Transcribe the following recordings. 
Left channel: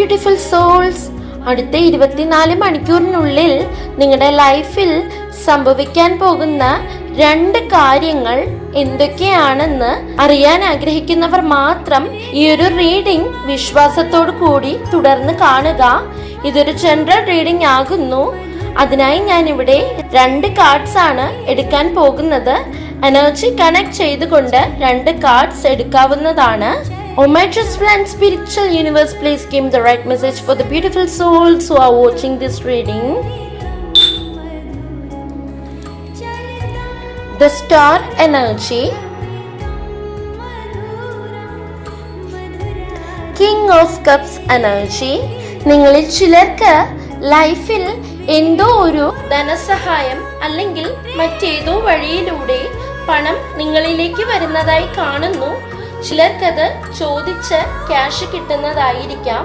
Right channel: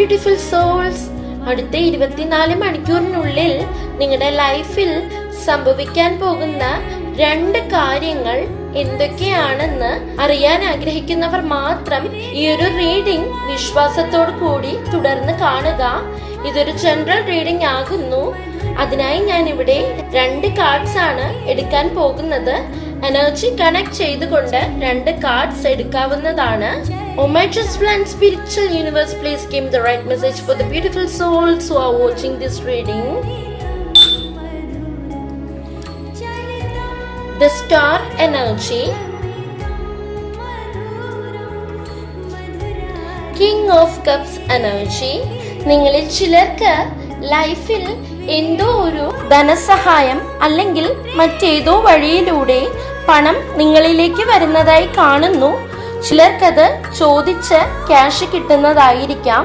Beautiful souls. അടുത്ത 24 മണിക്കൂറിനുള്ളിൽ നിങ്ങളുടെ ലൈഫിൽ സംഭവിക്കാൻ പോകുന്ന 2 കാര്യങ്ങൾ എന്തൊക്കെയാണെന്ന് അറിയാൻ ആഗ്രഹിക്കുന്നവർ മാത്രം ഈ ഒരു റീഡിംഗ് വിശ്വാസത്തോടു കൂടി തുടർന്ന് കാണുക. ഇതൊരു ജനറൽ റീഡിംഗ് ആകുന്നു. അതിനായി ഞാൻ ഇവിടെ 2 കാർഡ്സ് ആണ് എടുക്കാൻ പോകുന്നത്. എനർജി കണക്ട് ചെയ്തുകൊണ്ട് 2 കാർഡ്സ് എടുക്കാവുന്നതാണ്. Oh my trustful and spiritual universe, please give the right message for the beautiful souls who are watching this reading. The star energy, King of Cups energy. നിങ്ങളിൽ ചിലർക്ക് ലൈഫിൽ എന്തോ ഒരു ധനസഹായം അല്ലെങ്കിൽ മറ്റേതോ വഴിയിലൂടെ പണം നിങ്ങളിലേക്ക് വരുന്നതായി കാണുന്നു. ചിലർക്കത് ചോദിച്ച് ക്യാഷ് കിട്ടുന്നതായിരിക്കാം,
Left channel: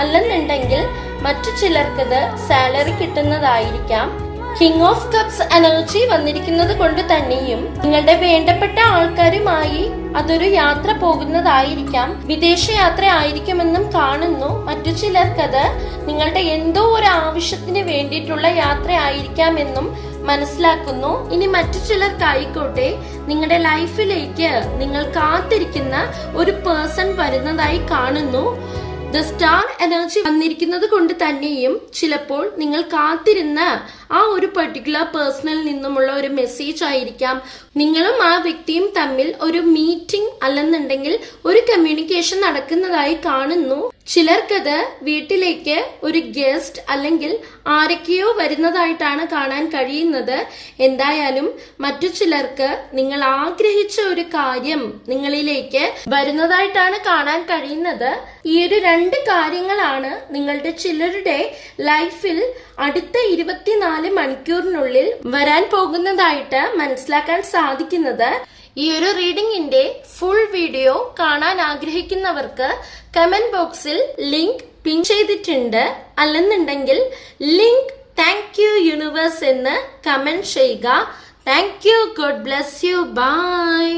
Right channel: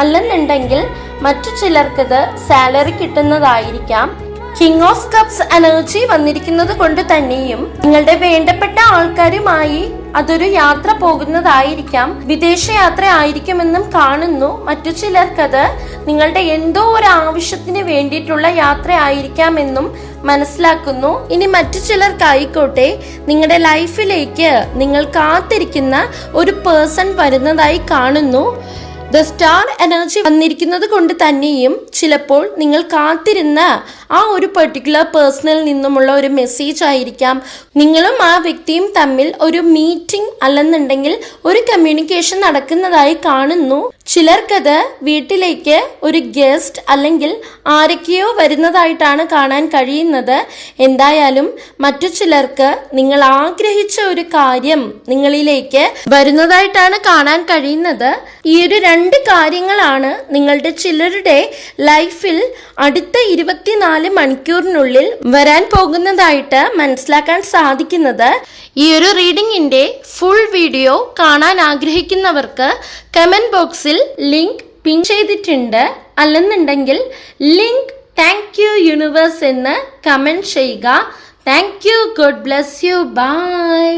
അല്ലെന്നുണ്ടെങ്കിൽ മറ്റു ചിലർക്കത് സാലറി കിട്ടുന്നതായിരിക്കാം. കിങ് ഓഫ് കപ്സ് എനർജി വന്നിരിക്കുന്നത് കൊണ്ട് തന്നെയും നിങ്ങളുടെ വേണ്ടപ്പെട്ട ആൾക്കാരുമായി അതൊരു യാത്ര പോകുന്നതായിരിക്കാം, വിദേശയാത്ര ആയിരിക്കുമെന്നും കാണുന്നു. മറ്റു ചിലർക്കത് നിങ്ങളുടെ എന്തോ ഒരു ആവശ്യത്തിന് വേണ്ടിയിട്ടുള്ള യാത്ര ആയിരിക്കാമെന്നും മനസ്സിലാക്കുന്നു. ഇനി മറ്റു ചിലർക്കായിക്കോട്ടെ നിങ്ങളുടെ ലൈഫിലേക്ക് നിങ്ങൾ കാത്തിരിക്കുന്ന ഒരു പേഴ്സൺ വരുന്നതായി കാണുന്നു. ദ സ്റ്റാർ എനർജി വന്നിരിക്കുന്നത് കൊണ്ട് തന്നെയും ചിലപ്പോൾ നിങ്ങൾ കാത്തിരുന്ന ആ ഒരു പെർട്ടിക്കുലർ പേഴ്സണിൽ നിന്നുമുള്ള ഒരു മെസ്സേജ് ആയിരിക്കാം. നിങ്ങളും ആ വ്യക്തിയും തമ്മിൽ ഒരു മീറ്റിംഗ് അല്ലെന്നുണ്ടെങ്കിൽ ഒരു കമ്മ്യൂണിക്കേഷൻ നടക്കുന്നതായി കാണുന്നു. ചിലർക്കത് വീട്ടിലേക്ക് ഒരു ഗസ്റ്റ് അല്ലെങ്കിൽ ആരൊക്കെയോ വരുന്നതായിട്ടാണ് കാണാൻ കഴിയുന്നത്. എന്തായാലും മറ്റു ചിലർക്ക് നിങ്ങൾ ആഗ്രഹിച്ച ഒരു കാര്യം നിങ്ങളിലേക്ക് വരുന്നതായിട്ടാണ് കാണാൻ കഴിയുന്നത്. ഈ ഒരു 2 കാര്യങ്ങളാണ് നിങ്ങളുടെ ചിലരുടെ ലൈഫിൽ അടുത്ത 24 മണിക്കൂറിനുള്ളിൽ വരാൻ പോകുന്നതായിട്ട് മനസ്സിലാക്കാൻ സാധിക്കുന്നത്. ഈ ഒരു റീഡിംഗിന്റെ ഫുൾ വീഡിയോ കാണാൻ ആഗ്രഹിക്കുന്നവർക്ക് കമന്റ് ബോക്സിൽ ലിങ്ക് പിൻ ചെയ്തിട്ടുണ്ട്. അല്ലെന്നുണ്ടെങ്കിൽ ലിങ്ക് താങ്ക് യു യൂണിവേഴ്സ് എന്ന് കമന്റ് ചെയ്യുക. Thank you. God bless you. By.